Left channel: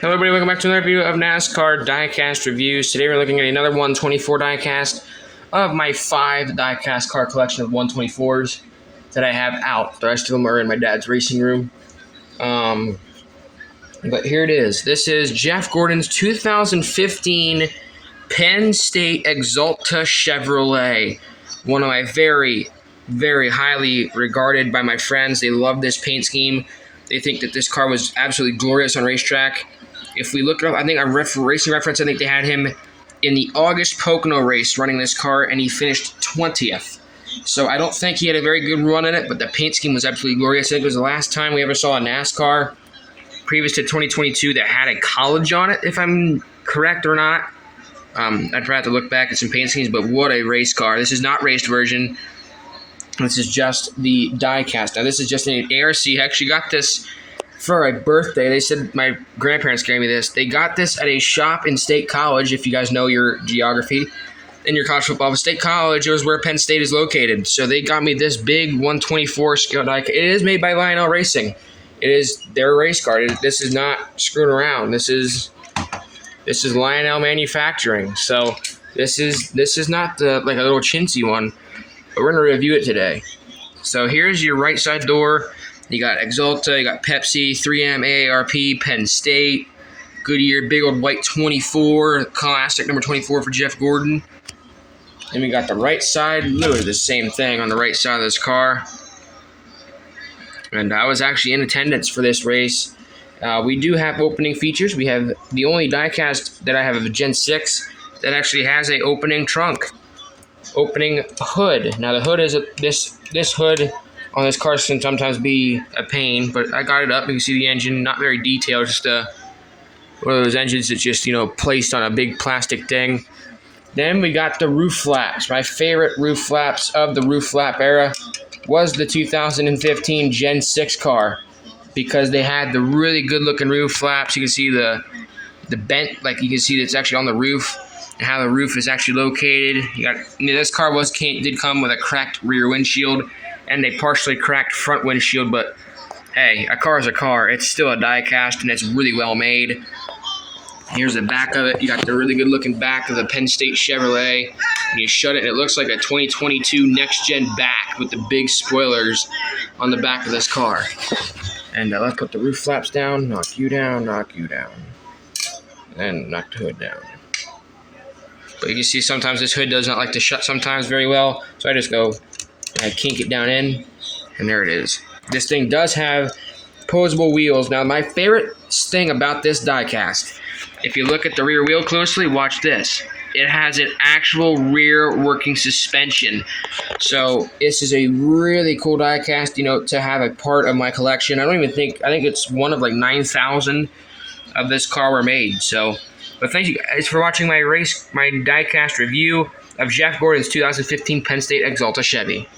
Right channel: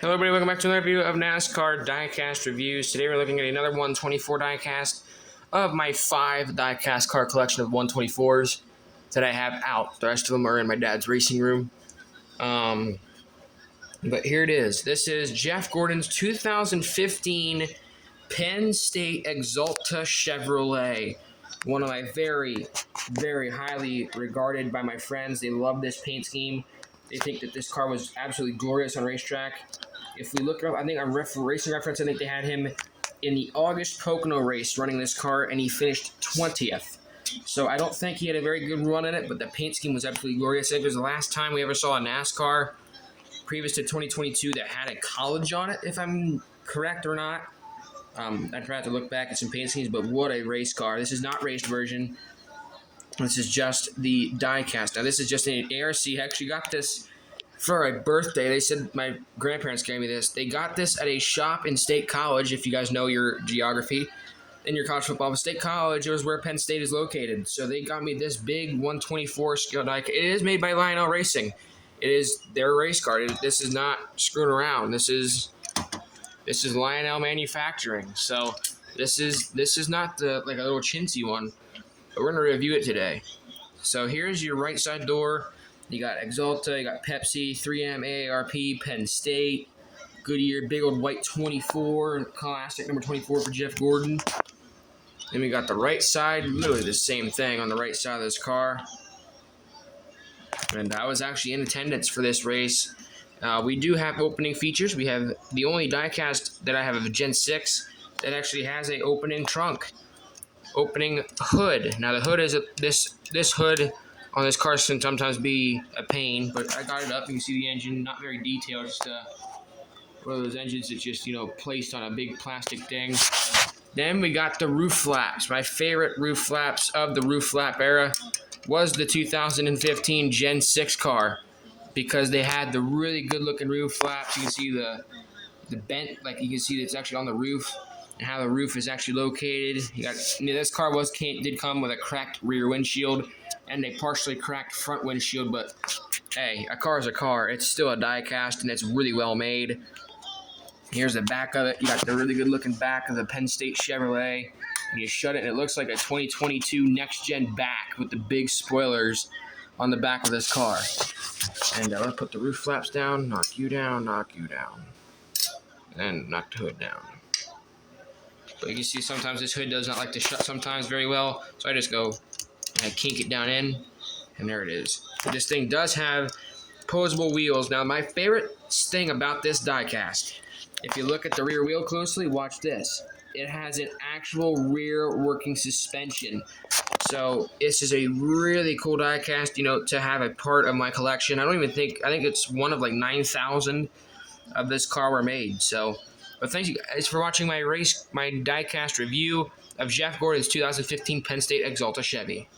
Hello everybody, welcome back to another review of NASCAR diecast reviews. Today we're looking at another 124 diecast of my 5 diecast car collection of 124s that I have out. The rest of them are in my dad's racing room. But here it is. This is Jeff Gordon's 2015 Penn State Axalta Chevrolet. One of my very, very highly regarded by my friends. They love this paint scheme. They think that this car was absolutely glorious on racetrack. If we look up, I think on Racing Reference, I think they had him in the August Pocono race running this car, and he finished 20th. So I don't think he had a very good run in it, but the paint scheme was absolutely glorious. I think it was the last time we ever saw a NASCAR previous to 2022 that had a college on it, if I'm correct or not. I'd probably have to look back at some paint schemes, but what a race car. This is not raced version. This is just the diecast. Now, this is just an ARC. I actually got this for a birthday. They said my grandparents gave me this. They got this at a shop in State College, if you guys know your geography and your college football. But State College, it was where Penn State is located. So they got me this big 124 scale diecast. It is made by Lionel Racing. It is their race car. This is not screwing around. This is Lionel Manufacturing. So this is not like a little chintzy one, but we're gonna review it today. So here's your right side door. You got Axalta, you got Pepsi, 3M, AARP, Penn State, Goodyear, big old white 24, classic number 24 for Jeff Gordon. Then we got the right side, literally the same thing on the right side of this car. And I was actually in attendance for this race. We do have opening features. We have the only diecast that I have of Gen 6 that actually has a opening trunk, opening hood. Now the hood is this hood on this car can sometimes be a pain, but I got it up. You can see the engine, not very detailed, just one of those engines that's just, placed on a big plastic thing. Then we got the roof flaps. My favorite roof flaps of the roof flap era was the 2015 Gen 6 car, because they had the really good looking roof flaps. You can see the bent, like you can see it's actually on the roof and how the roof is actually located. This car did come with a cracked rear windshield and a partially cracked front windshield, but hey, a car is a car. It's still a diecast, and it's really well made. Here's the back of it. You got the really good looking back of the Penn State Chevrolet, and you shut it, and it looks like a 2022 next-gen back with the big spoilers on the back of this car. And let's put the roof flaps down, knock you down, and knock the hood down. But you can see sometimes this hood does not like to shut sometimes very well, so I just go and I kink it down in, and there it is. This thing does have posable wheels. Now, my favorite thing about this diecast, if you look at the rear wheel closely, watch this. It has an actual rear working suspension. So this is a really cool diecast, to have a part of my collection. I think it's one of like 9,000 of this car were made. So, but thank you guys for watching my diecast review of Jeff Gordon's 2015 Penn State Axalta Chevy.